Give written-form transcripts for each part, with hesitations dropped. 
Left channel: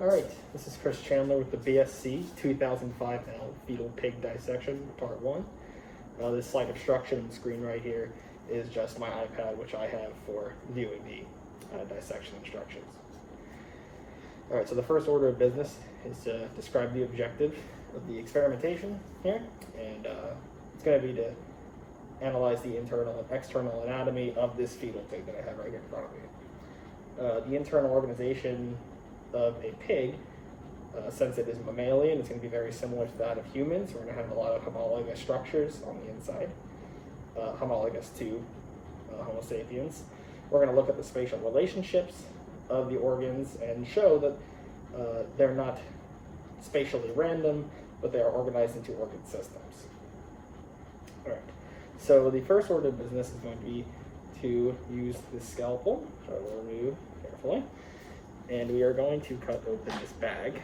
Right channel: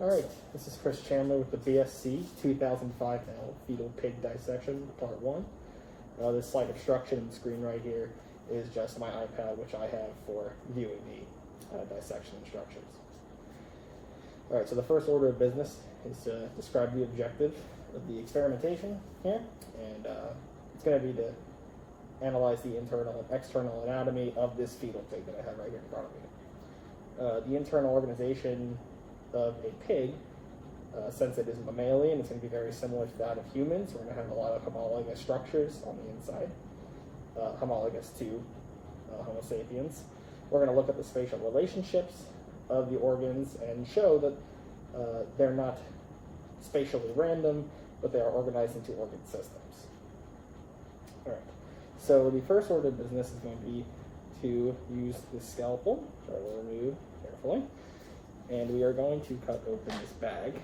Alright, this is Chris Chandler with the BSc 2005L Fetal Pig Dissection, Part 1. This slide obstruction screen right here is just my iPad, which I have for viewing the dissection instructions. Alright, so the first order of business is to describe the objective of the experimentation here, and it's going to be to analyze the internal and external anatomy of this fetal pig that I have right here in front of me. The internal organization of a pig, since it is mammalian, it's going to be very similar to that of humans. We're going to have a lot of homologous structures on the inside, homologous to Homo sapiens. We're going to look at the spatial relationships of the organs and show that they're not spatially random, but they are organized into organ systems. All right. So the first order of business is going to be to use the scalpel, which I will remove carefully. And we are going to cut open this bag.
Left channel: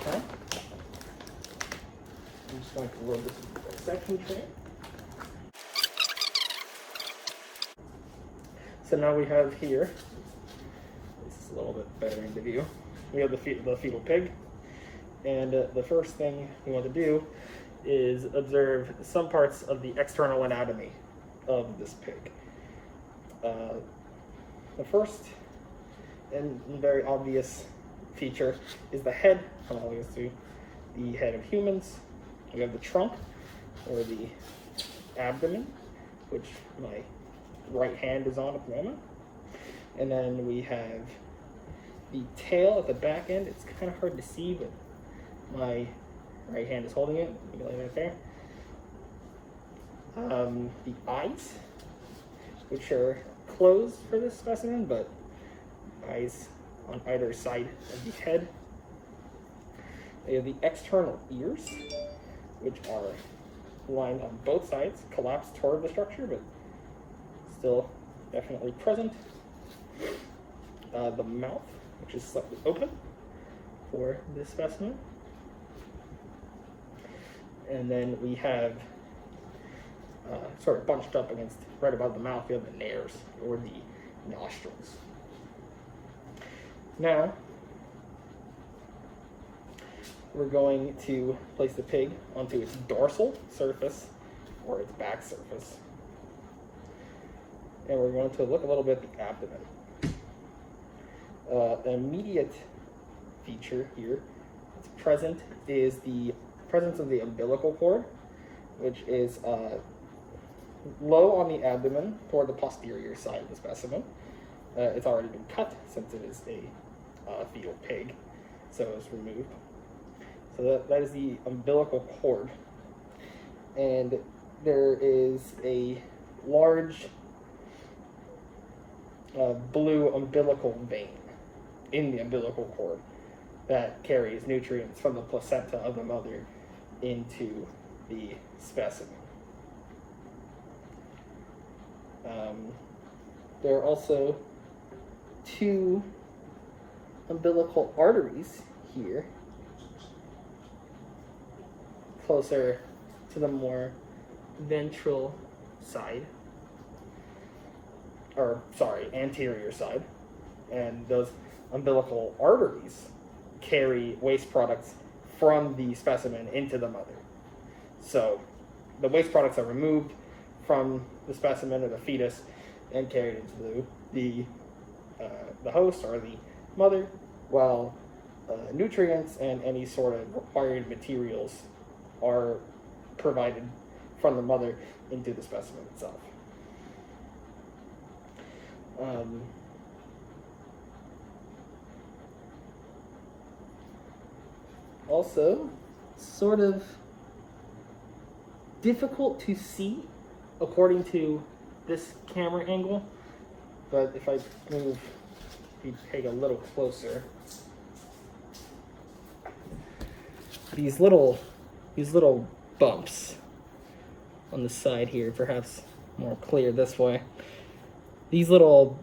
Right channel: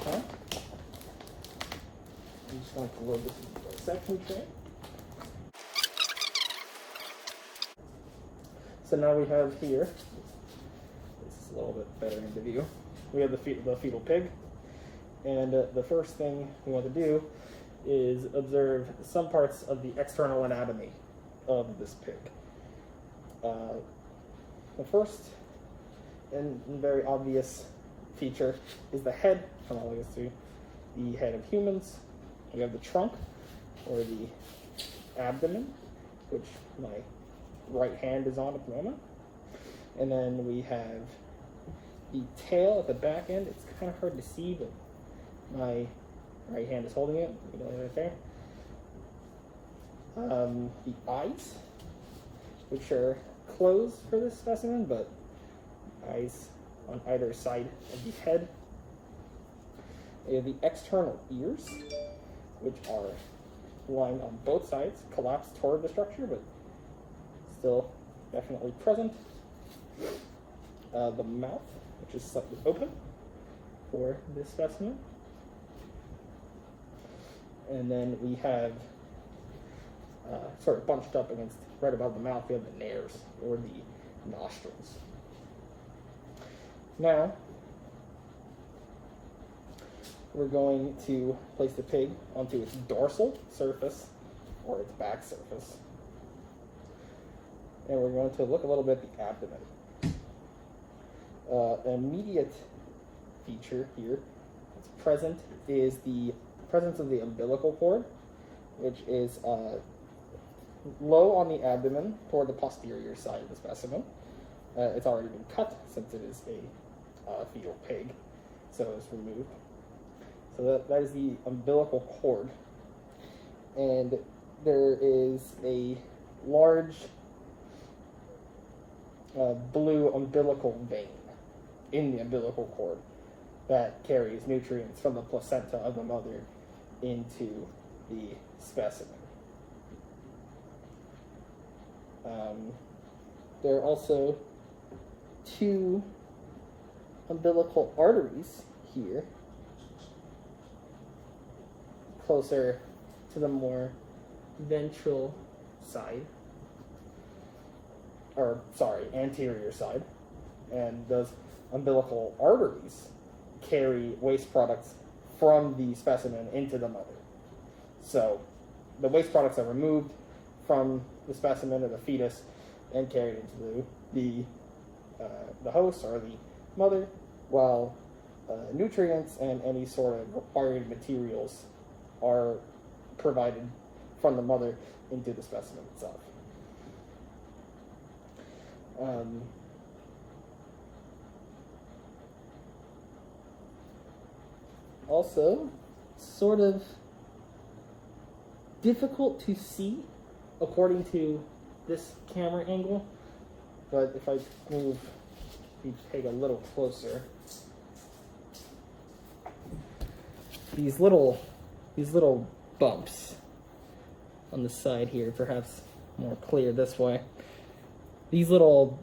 Okay. I'm just going to load this into the dissection tray. So now we have here, this is a little bit better into view, we have the fetal pig. And the first thing we want to do is observe some parts of the external anatomy of this pig. The first and very obvious feature is the head, analogous to the head of humans. We have the trunk, or the abdomen, which my right hand is on at the moment. And then we have the tail at the back end. It's kind of hard to see, but my right hand is holding it. You can lay it right there. The eyes, which are closed for this specimen, but eyes on either side of the head. We have the external ears, which are lined on both sides, collapsed toward the structure, but still definitely present. The mouth, which is slightly open for this specimen. And then we have, sort of bunched up against, right above the mouth, we have the nares, or the nostrils. Now, we're going to place the pig onto its dorsal surface, or its back surface. And we're going to look a little bit at the abdomen. An immediate feature here that's present is the presence of the umbilical cord, which is low on the abdomen toward the posterior side of the specimen. It's already been cut since it is a fetal pig, so it's removed. So that is the umbilical cord. And there is a large blue umbilical vein in the umbilical cord that carries nutrients from the placenta of the mother into the specimen. There are also two umbilical arteries here, closer to the more ventral side, anterior side, and those umbilical arteries carry waste products from the specimen into the mother. So the waste products are removed from the specimen or the fetus and carried into the host or the mother, while nutrients and any sort of required materials are provided from the mother into the specimen itself. Also, sort of difficult to see according to this camera angle, but if I move the pig a little closer, these little bumps on the side here, perhaps more clear this way. These little,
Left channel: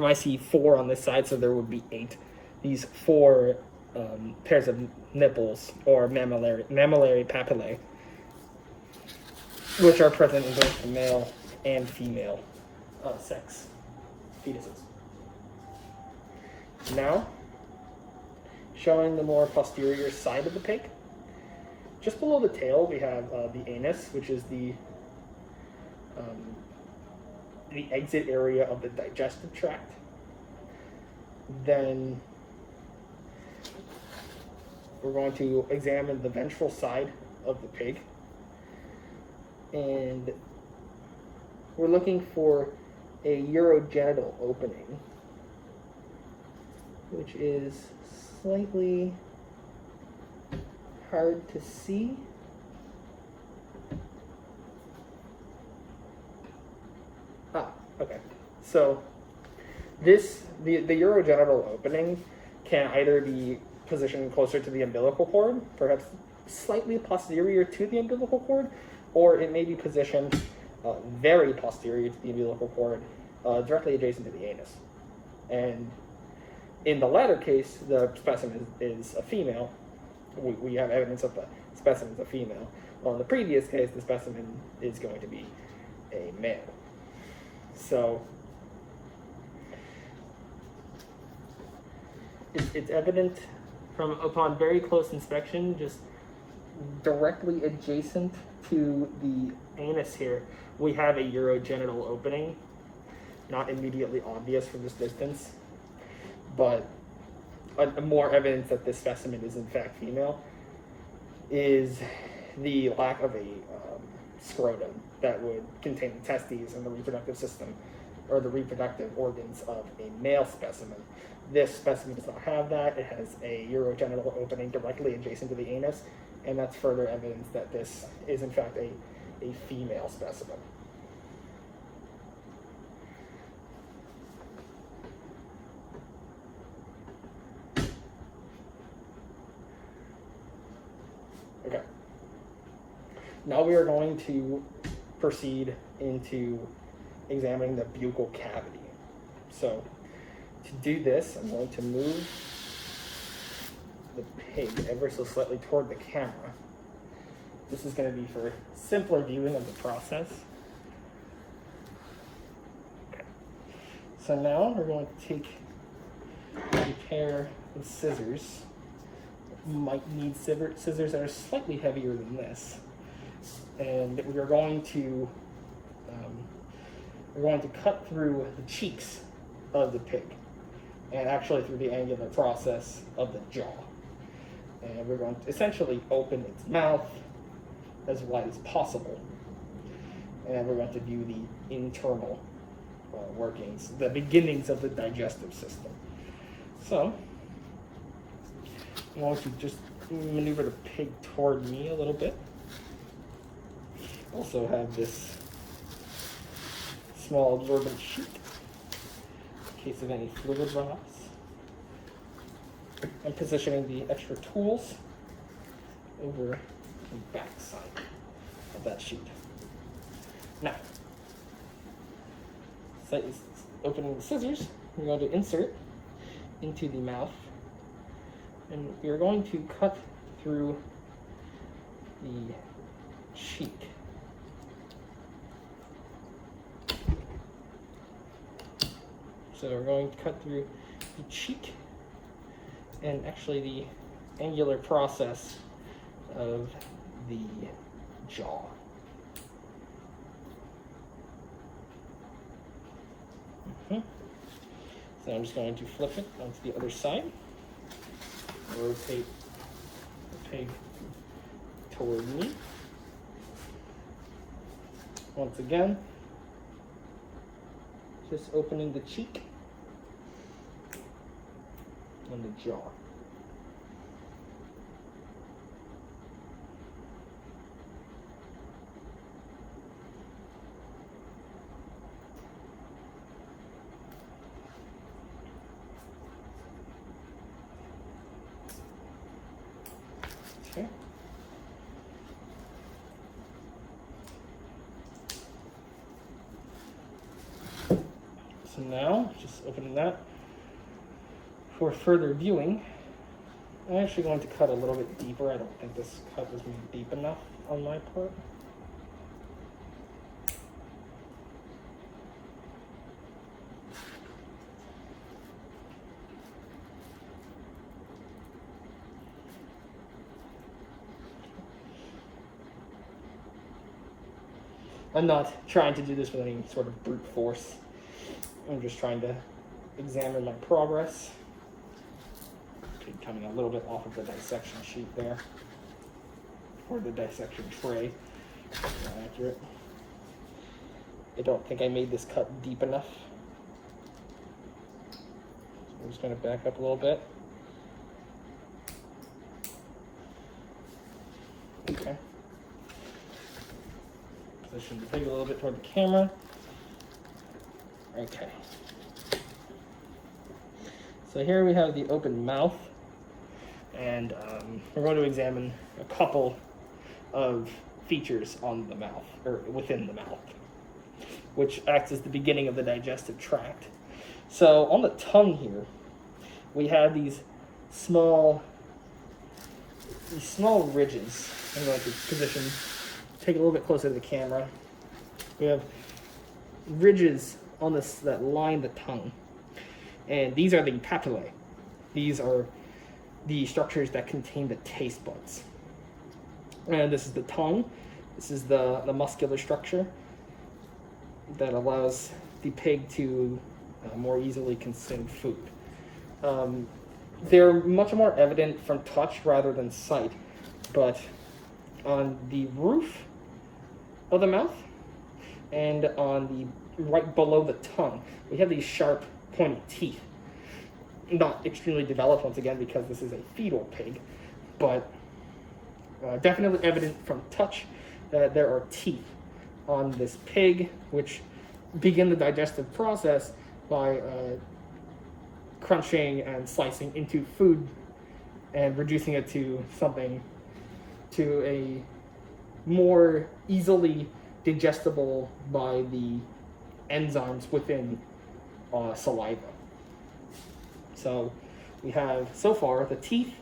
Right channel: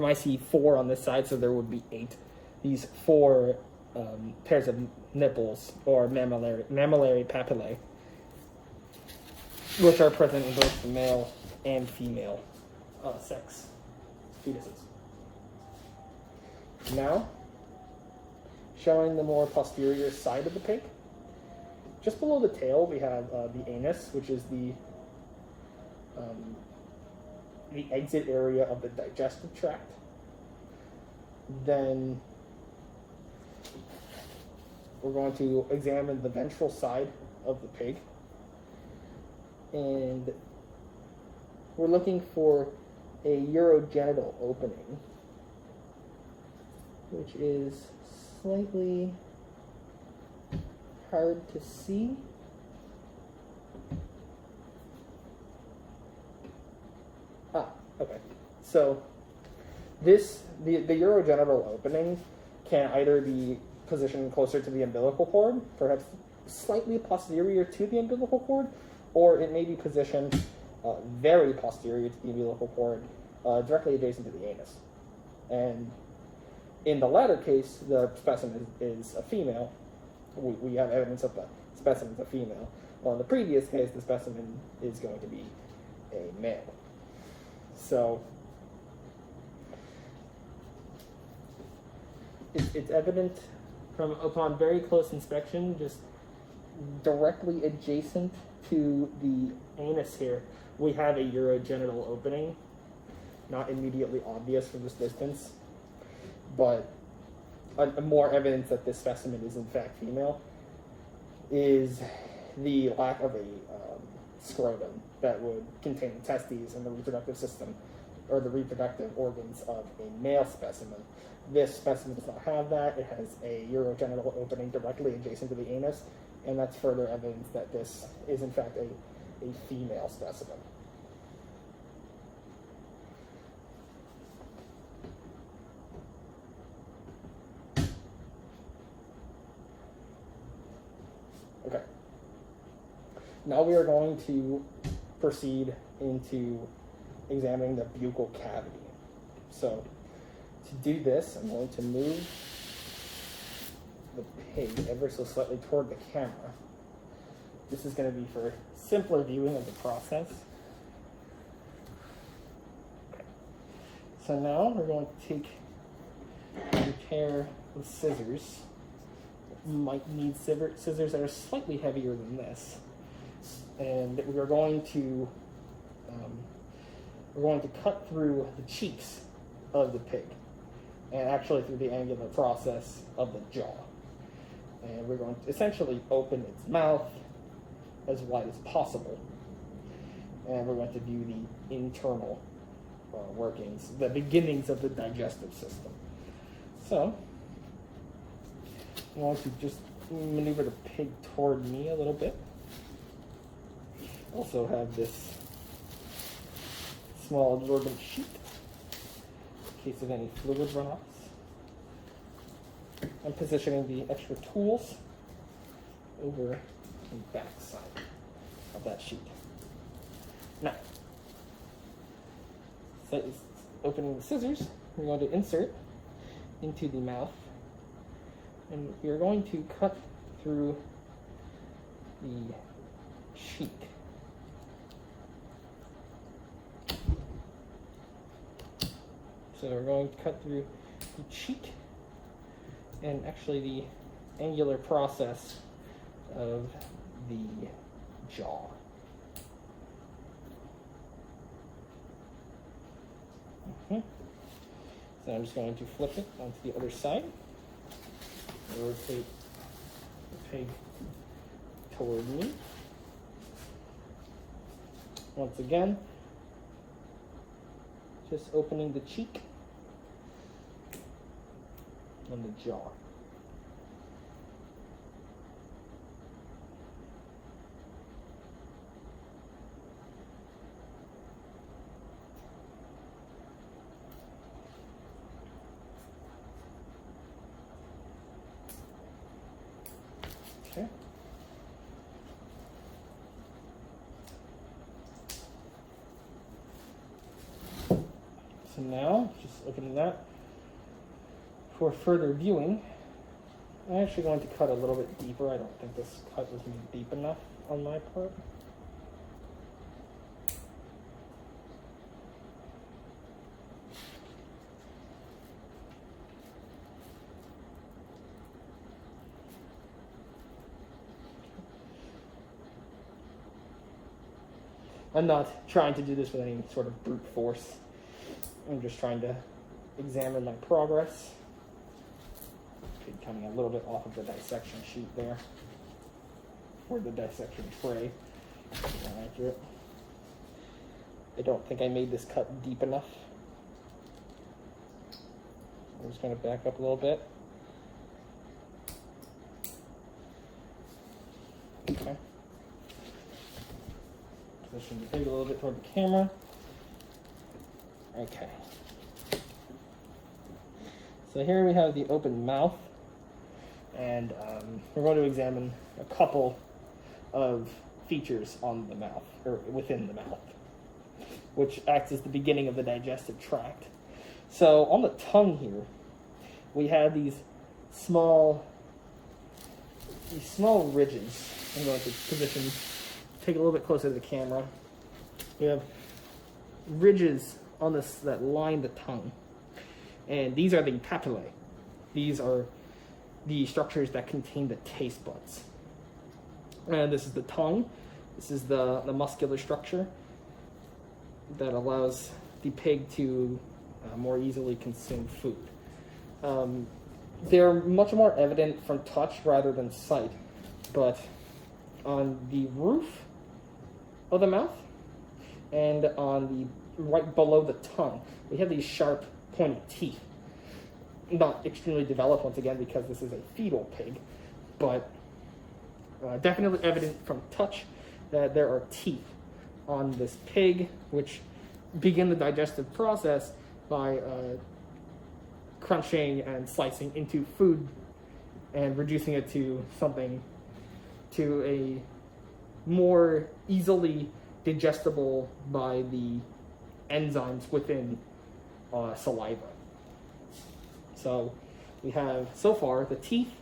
I see 4 on this side, so there would be 8. These 4 pairs of nipples, or mammillary papillae, which are present in both the male and female sex fetuses. Now, showing the more posterior side of the pig. Just below the tail, we have the anus, which is the exit area of the digestive tract. Then we're going to examine the ventral side of the pig. And we're looking for a urogenital opening, which is slightly hard to see. Okay. So the urogenital opening can either be positioned closer to the umbilical cord, perhaps slightly posterior to the umbilical cord, or it may be positioned very posterior to the umbilical cord, directly adjacent to the anus. And in the latter case, the specimen is a female. We have evidence that the specimen is a female. Well, in the previous case, the specimen is going to be a male. So it's evident upon very close inspection, just directly adjacent to the anus here, we have a urogenital opening. Not immediately obvious from this distance, but more evidence that this specimen is in fact female is the lack of a scrotum that would contain the testes and the reproductive system or the reproductive organs of a male specimen. This specimen does not have that. It has a urogenital opening directly adjacent to the anus, and that's further evidence that this is in fact a female specimen. Okay. Now we are going to proceed into examining the buccal cavity. So to do this, I'm going to move the pig ever so slightly toward the camera. This is going to be for simpler viewing of the process. Okay. So now we're going to take a pair of scissors. You might need scissors that are slightly heavier than this. And we're going to cut through the cheeks of the pig, and actually through the angular process of the jaw. And we're going to essentially open its mouth as wide as possible. And we're going to view the internal workings, the beginnings of the digestive system. So I'm going to just maneuver the pig toward me a little bit. Also have this small absorbent sheet in case of any fluid runoffs. I'm positioning the extra tools over the back side of that sheet. Now, opening the scissors, we're going to insert into the mouth, and we're going to cut through the cheek. So we're going to cut through the cheek and actually the angular process of the jaw. So I'm just going to flip it onto the other side, rotate the pig toward me. Once again, just opening the cheek and the jaw. Okay. So now, just opening that. For further viewing, I'm actually going to cut a little bit deeper. I don't think this cut is deep enough on my part. I'm not trying to do this with any sort of brute force. I'm just trying to examine my progress. Okay, coming a little bit off of the dissection sheet there, or the dissection tray. Not accurate. I don't think I made this cut deep enough. I'm just going to back up a little bit. Okay. Position the pig a little bit toward the camera. Okay. So here we have the open mouth, and we're going to examine a couple of features on the mouth, or within the mouth, which acts as the beginning of the digestive tract. So on the tongue here, we have these small ridges. I'm going to position, take a little bit closer to the camera. We have ridges on this that line the tongue, and these are the papillae. These are the structures that contain the taste buds. And this is the tongue. This is the muscular structure that allows the pig to more easily consume food. They're much more evident from touch rather than sight, but on the roof of the mouth and on the right below the tongue, we have these sharp, pointy teeth. Not extremely developed, once again, because this is a fetal pig, but definitely evident from touch that there are teeth on this pig, which begin the digestive process by crunching and slicing into food and reducing it to a more easily digestible by the enzymes within saliva. So we have, so far, the teeth,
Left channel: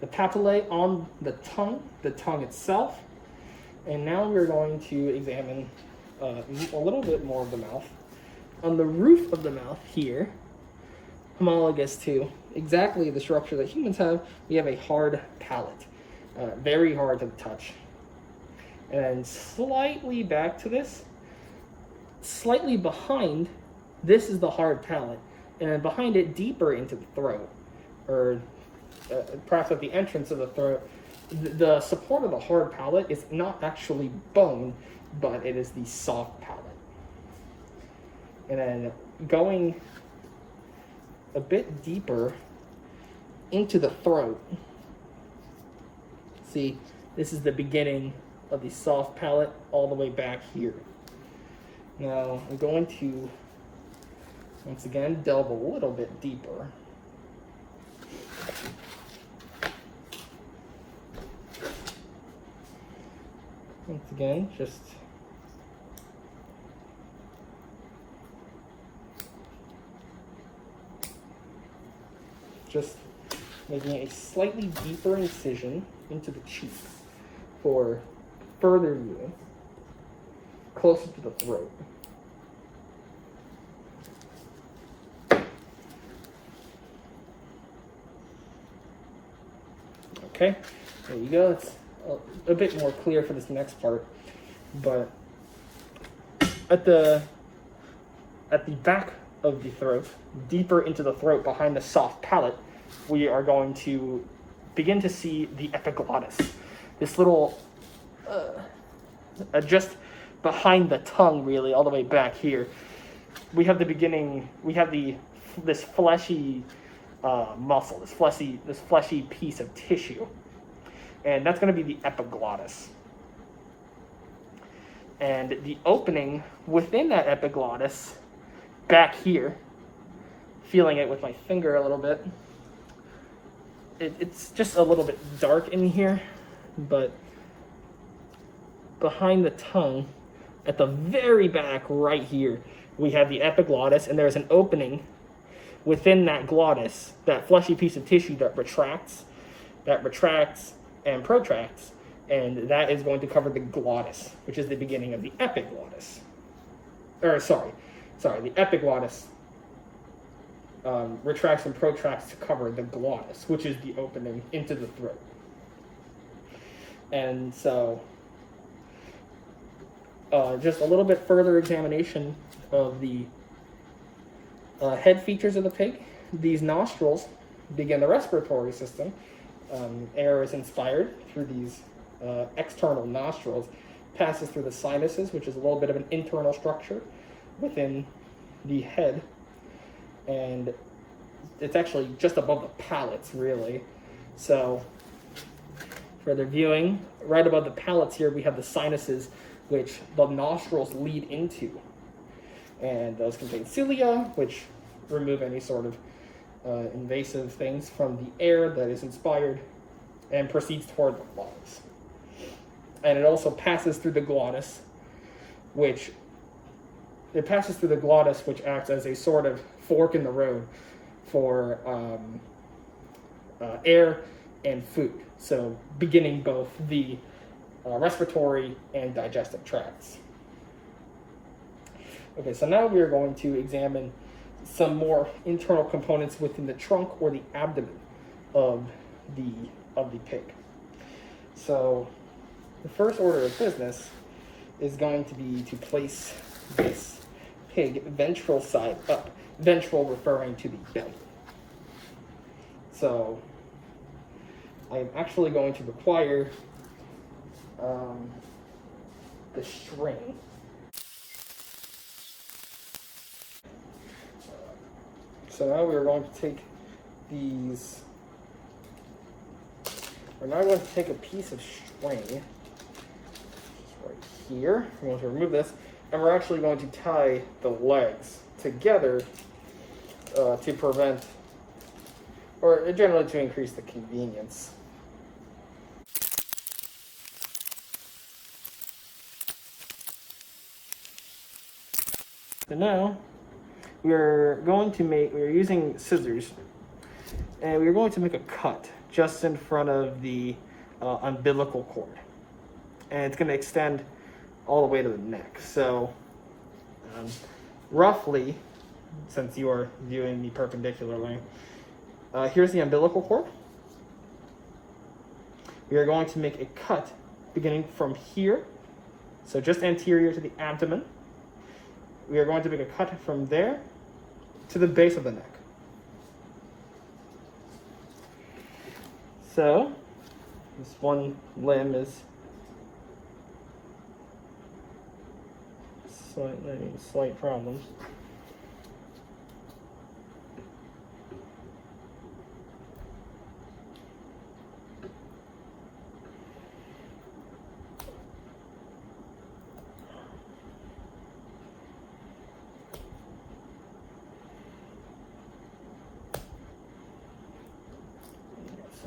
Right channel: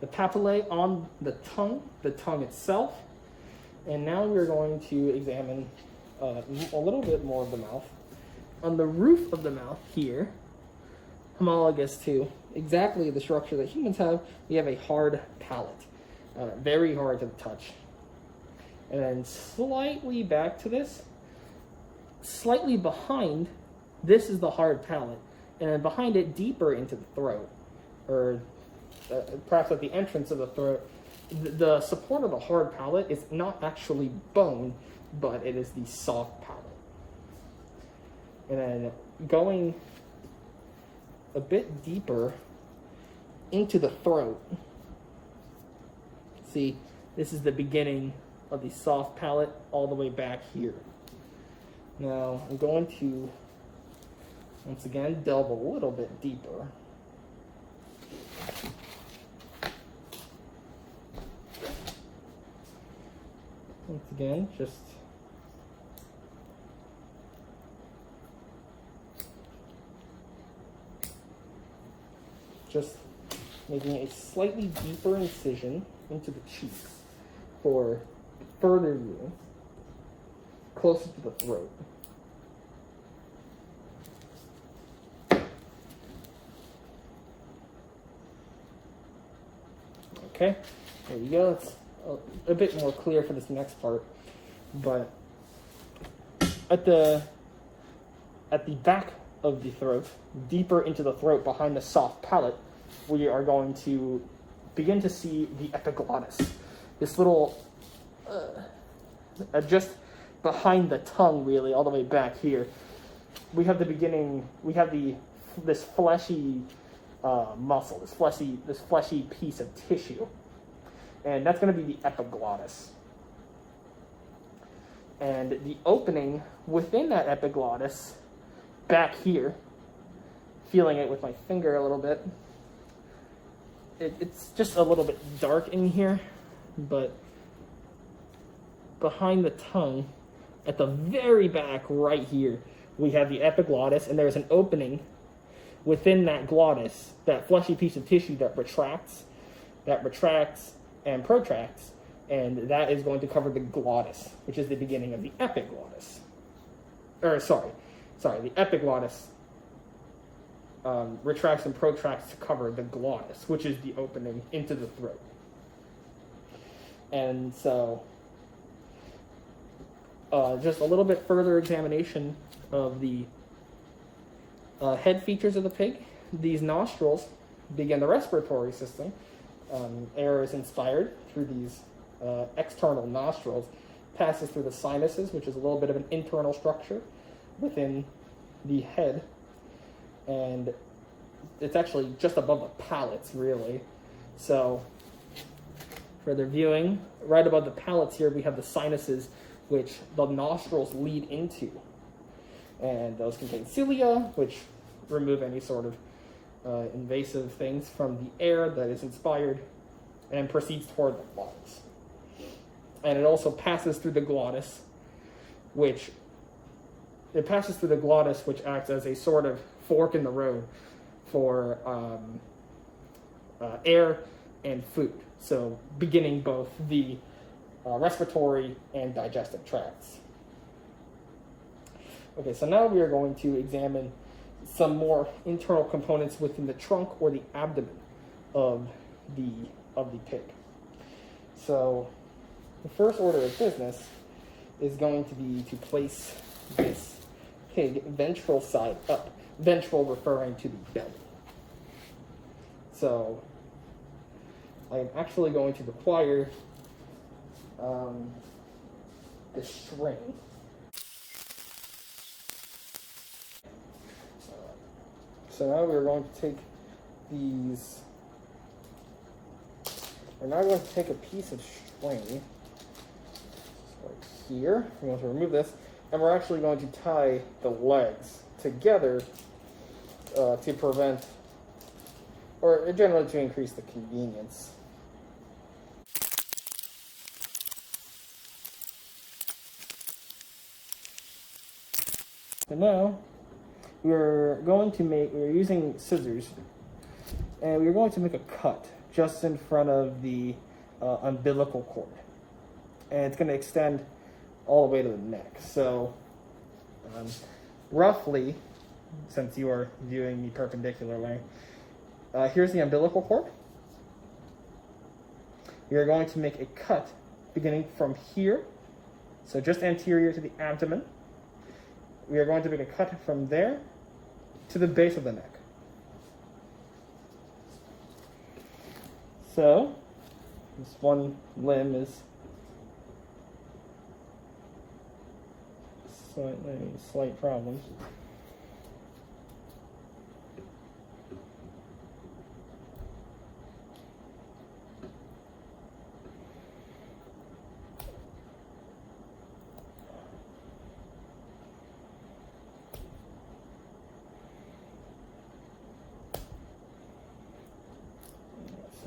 the papillae on the tongue itself, and now we're going to examine a little bit more of the mouth. On the roof of the mouth here, homologous to exactly the structure that humans have, we have a hard palate, very hard to touch. And slightly back to this, slightly behind, this is the hard palate, and behind it, deeper into the throat, or perhaps at the entrance of the throat, the support of the hard palate is not actually bone, but it is the soft palate. And then going a bit deeper into the throat, see, this is the beginning of the soft palate all the way back here. Now, I'm going to, once again, delve a little bit deeper. Once again, just making a slightly deeper incision into the cheek for further viewing, closer to the throat. Okay, there you go. It's a bit more clear for this next part, but at the back of the throat, deeper into the throat behind the soft palate, we are going to begin to see the epiglottis. This little, just behind the tongue, really, all the way back here, we have the beginning. We have this fleshy muscle, this fleshy piece of tissue, and that's going to be the epiglottis. And the opening within that epiglottis, back here, feeling it with my finger a little bit. It's just a little bit dark in here, but behind the tongue, at the very back right here, we have the epiglottis, and there's an opening within that glottis, that fleshy piece of tissue that retracts and protracts, and that is going to cover the glottis, which is the beginning of the epiglottis. The epiglottis retracts and protracts to cover the glottis, which is the opening into the throat. And so just a little bit further examination of the head features of the pig. These nostrils begin the respiratory system. Air is inspired through these external nostrils, passes through the sinuses, which is a little bit of an internal structure within the head, and it's actually just above the palates, really. So for the viewing, right above the palates here, we have the sinuses, which the nostrils lead into. And those contain cilia, which remove any sort of invasive things from the air that is inspired and proceeds toward the lungs. And it also passes through the glottis, which acts as a sort of fork in the road for air and food. So beginning both the respiratory and digestive tracts. Okay, so now we are going to examine some more internal components within the trunk or the abdomen of the pig. So the first order of business is going to be to place this pig ventral side up, ventral referring to the belly. So I am actually going to require the string. So now we're going to take these. We're now going to take a piece of string right here. We're going to remove this, and we're actually going to tie the legs together to prevent, or generally to increase the convenience. So now we're using scissors, and we're going to make a cut just in front of the umbilical cord, and it's going to extend all the way to the neck. So roughly, since you are viewing me perpendicularly, here's the umbilical cord. We are going to make a cut beginning from here, so just anterior to the abdomen. We are going to make a cut from there to the base of the neck. So this one limb is slight problems.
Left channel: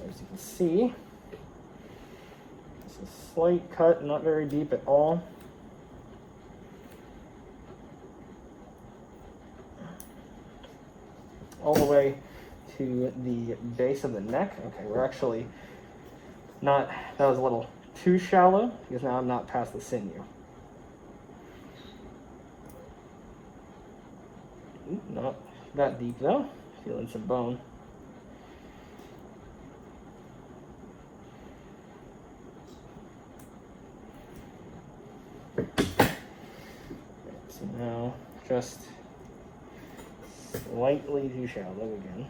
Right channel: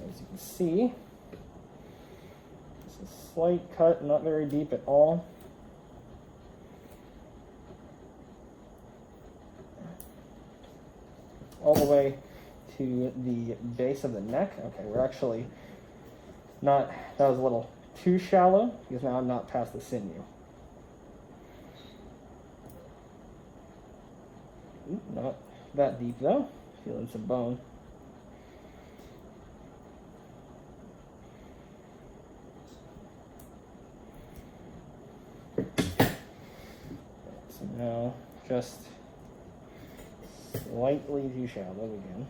As you can see, it's a slight cut, not very deep at all. All the way to the base of the neck. Okay, we're actually not, that was a little too shallow because now I'm not past the sinew. Not that deep though, feeling some bone. So now just slightly too shallow again.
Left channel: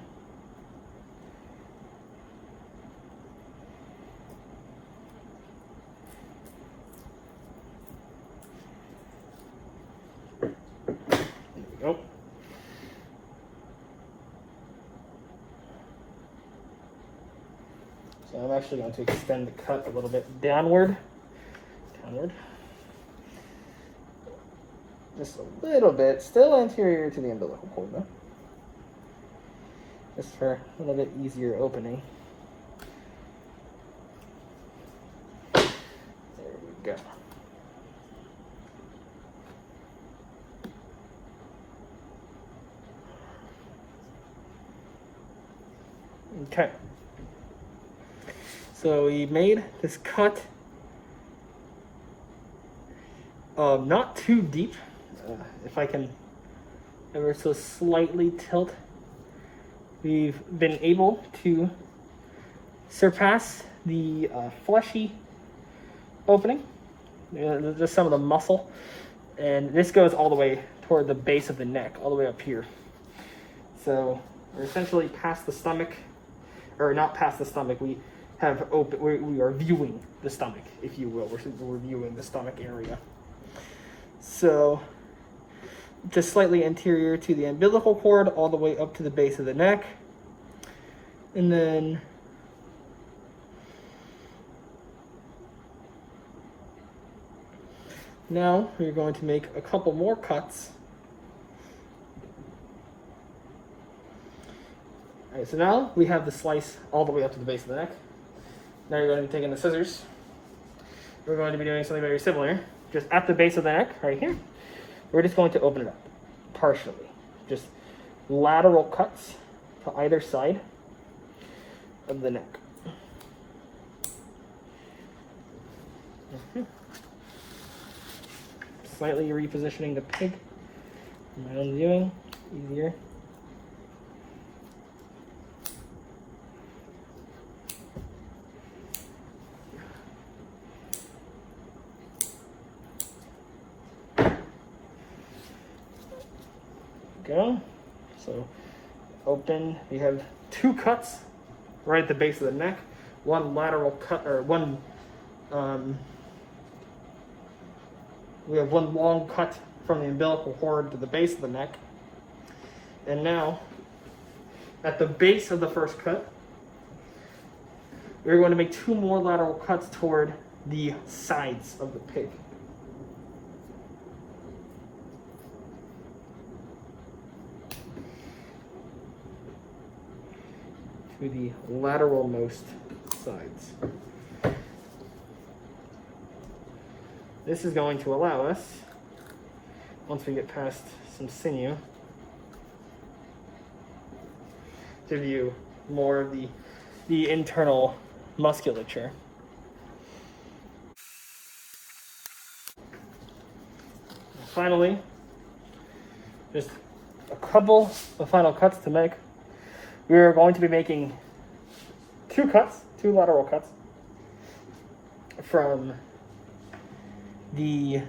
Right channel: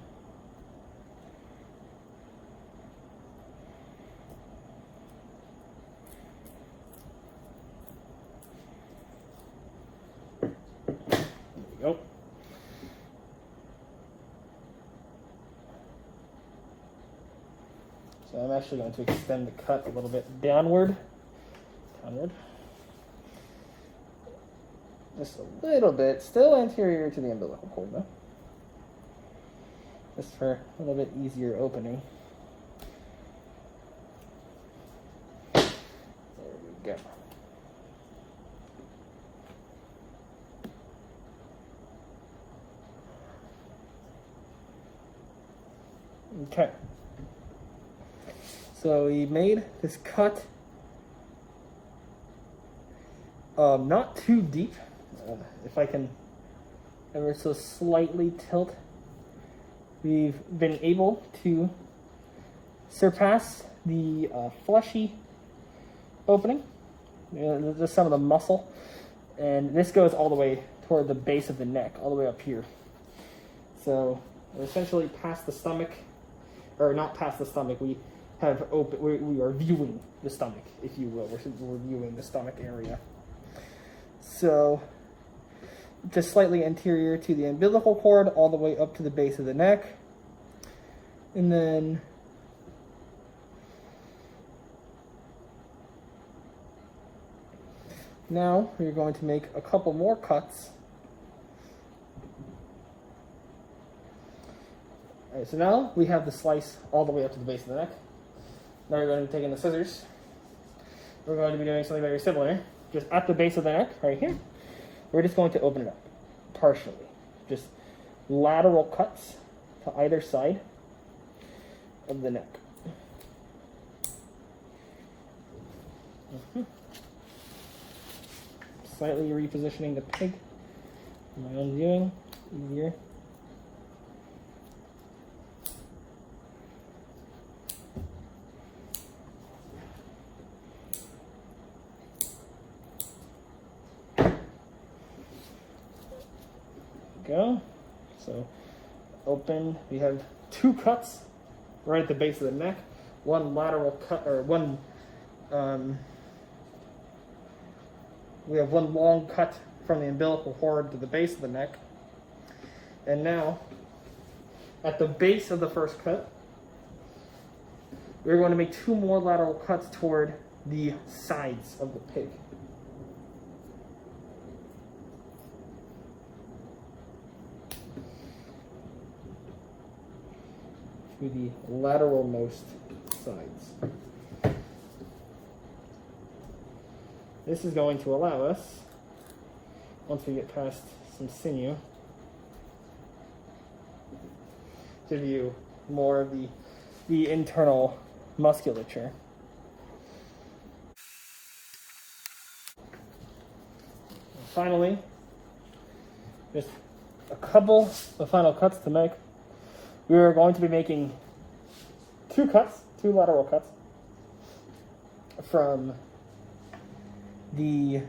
There we go. So I'm actually going to extend the cut a little bit downward. Just a little bit, still anterior to the umbilical cord though. Just for a little bit easier opening. There we go. Okay. So we made this cut not too deep. If I can ever so slightly tilt, we've been able to surpass the fleshy opening just some of the muscle. And this goes all the way toward the base of the neck, all the way up here. So we're essentially past the stomach, or not past the stomach. We have open. We are viewing the stomach, if you will. We're viewing the stomach area. So just slightly anterior to the umbilical cord, all the way up to the base of the neck, and then now we're going to make a couple more cuts. All right, so now we have the slice all the way up to the base of the neck. Now you're going to be taking the scissors. We're going to be doing something very similar. Just at the base of the neck, right here, we're just going to open it up partially. Just lateral cuts to either side of the neck. Slightly repositioning the pig. My own viewing, easier. Go. So open, we have two cuts right at the base of the neck, one lateral cut, or one we have one long cut from the umbilical cord to the base of the neck. And now at the base of the first cut, we're going to make two more lateral cuts toward the sides of the pig. To the lateralmost sides. This is going to allow us, once we get past some sinew, to view more of the internal musculature. And finally, just a couple of final cuts to make. We are going to be making two lateral cuts from the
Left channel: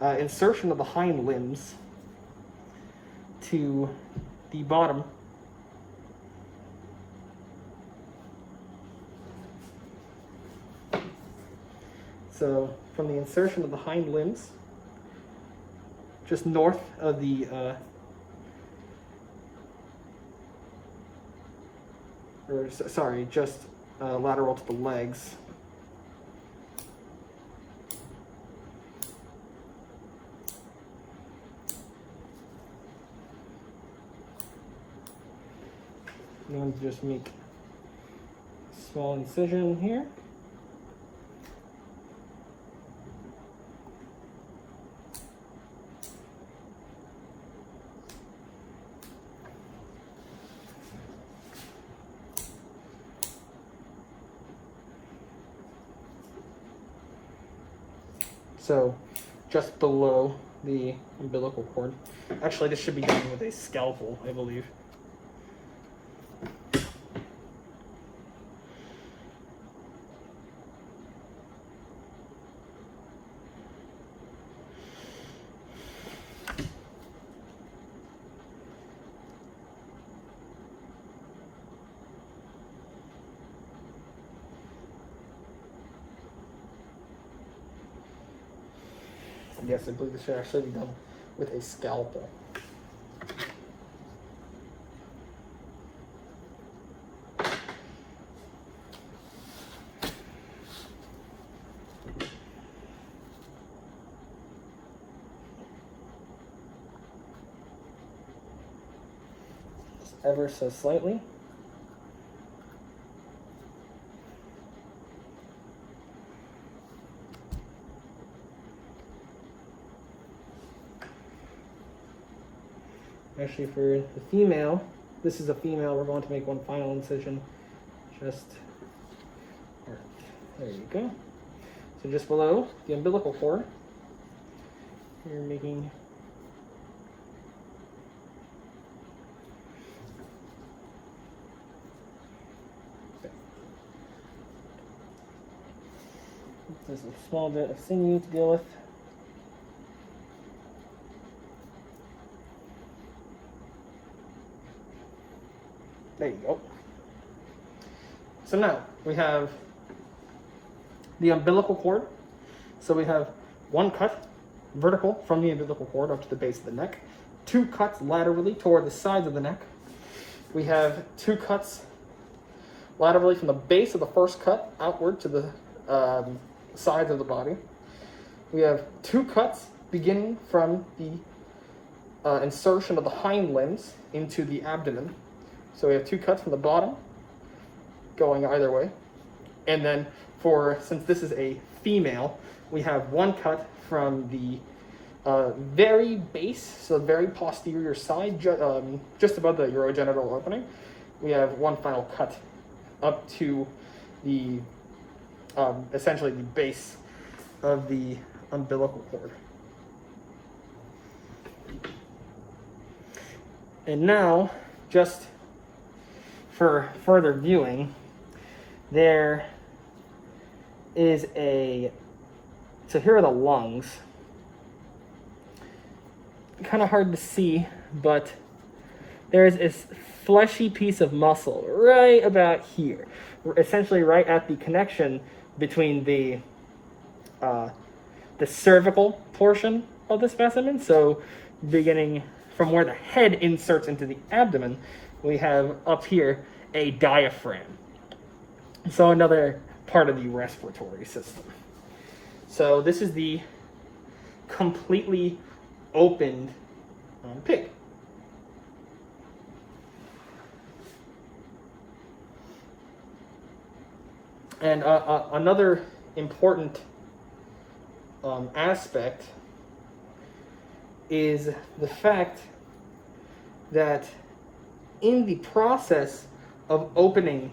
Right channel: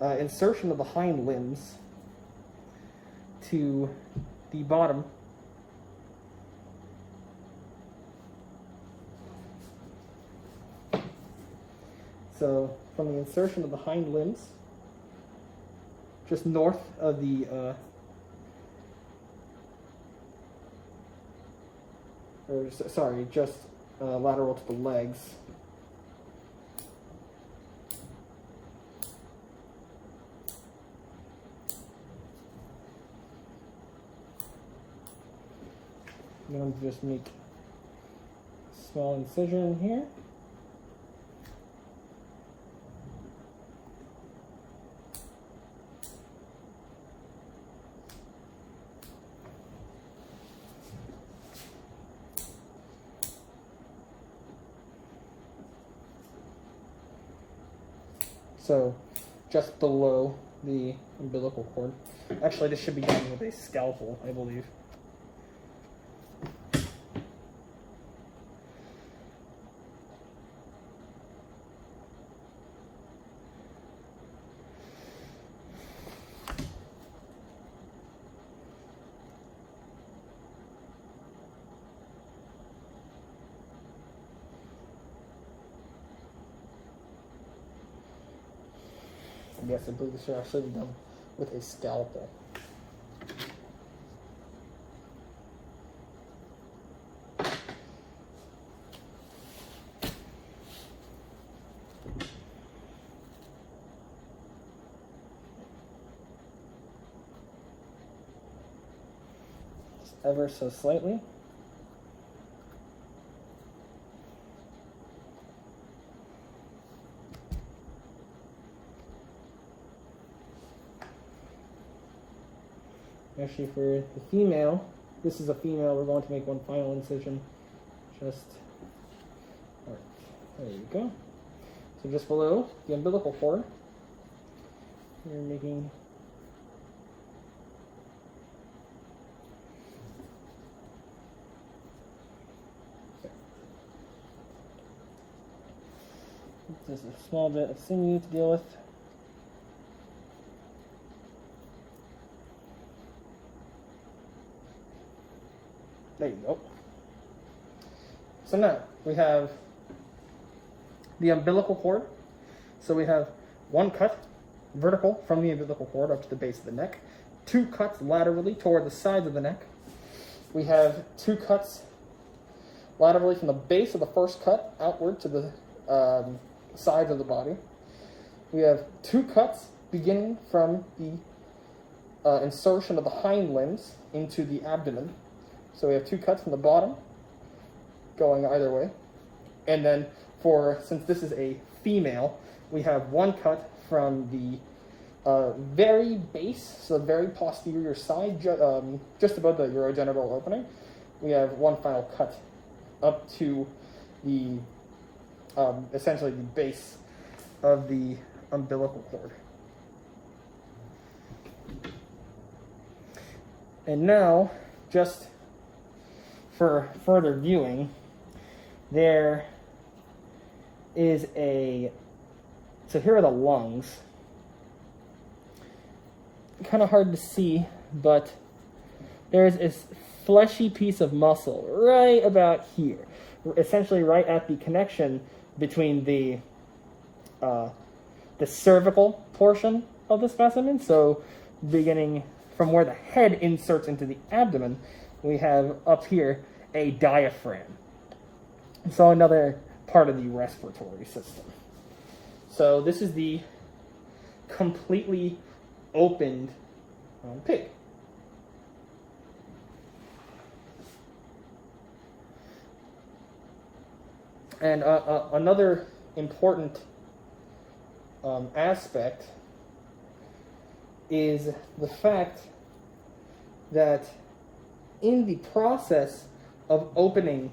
insertion of the hind limbs to the bottom so from the insertion of the hind limbs just north of the lateral to the legs. I'm going to just make a small incision here. So just below the umbilical cord. Actually, this should be done with a scalpel, I believe. Yes, I believe this should actually be done with a scalpel. Just ever so slightly. Actually, for the female, this is a female, we're going to make one final incision. Just, there you go. So just below the umbilical cord, you're making Just a small bit of sinew to deal with. There you go. So now we have the umbilical cord. So we have one cut vertical from the umbilical cord up to the base of the neck, 2 cuts laterally toward the sides of the neck. We have 2 cuts laterally from the base of the first cut outward to the sides of the body. We have 2 cuts beginning from the insertion of the hind limbs into the abdomen. So we have 2 cuts from the bottom going either way. And then since this is a female, we have 1 cut from the very base, so the very posterior side, just above the urogenital opening. We have 1 final cut up to the essentially the base of the umbilical cord. And now, just for further viewing, there is so here are the lungs. Kind of hard to see, but there's this fleshy piece of muscle right about here, essentially right at the connection between the cervical portion of the specimen. So beginning from where the head inserts into the abdomen, we have up here a diaphragm. So another part of the respiratory system. So this is the completely opened pig. And another important aspect is the fact that in the process of opening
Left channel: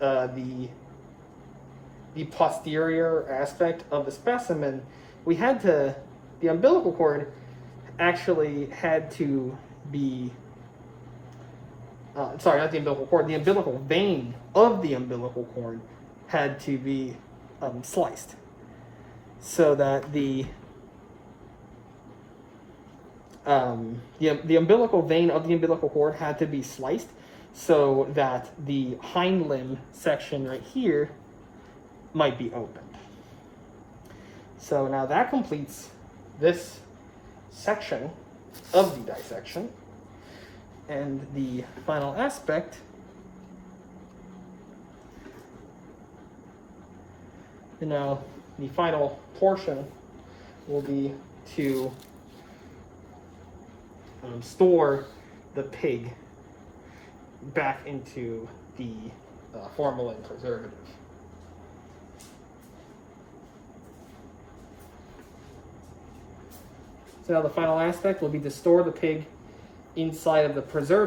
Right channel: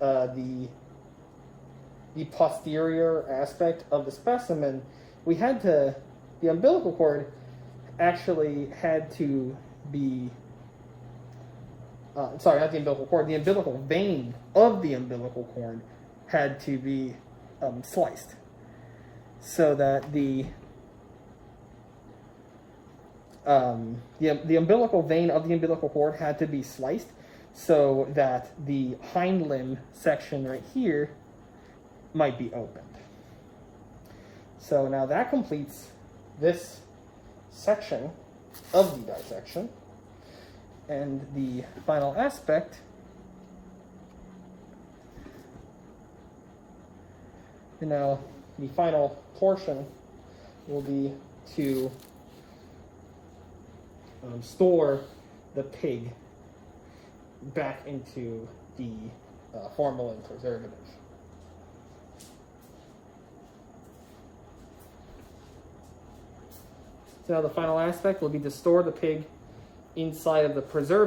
the posterior aspect of the specimen, the umbilical cord actually had to be, sorry, not the umbilical cord, the umbilical vein of the umbilical cord had to be sliced, so that the umbilical vein of the umbilical cord had to be sliced so that the hind limb section right here might be opened. So now that completes this section of the dissection. And the final aspect now, the final portion will be to store the pig back into the formalin preservative. So now the final aspect will be to store the pig inside of the preservative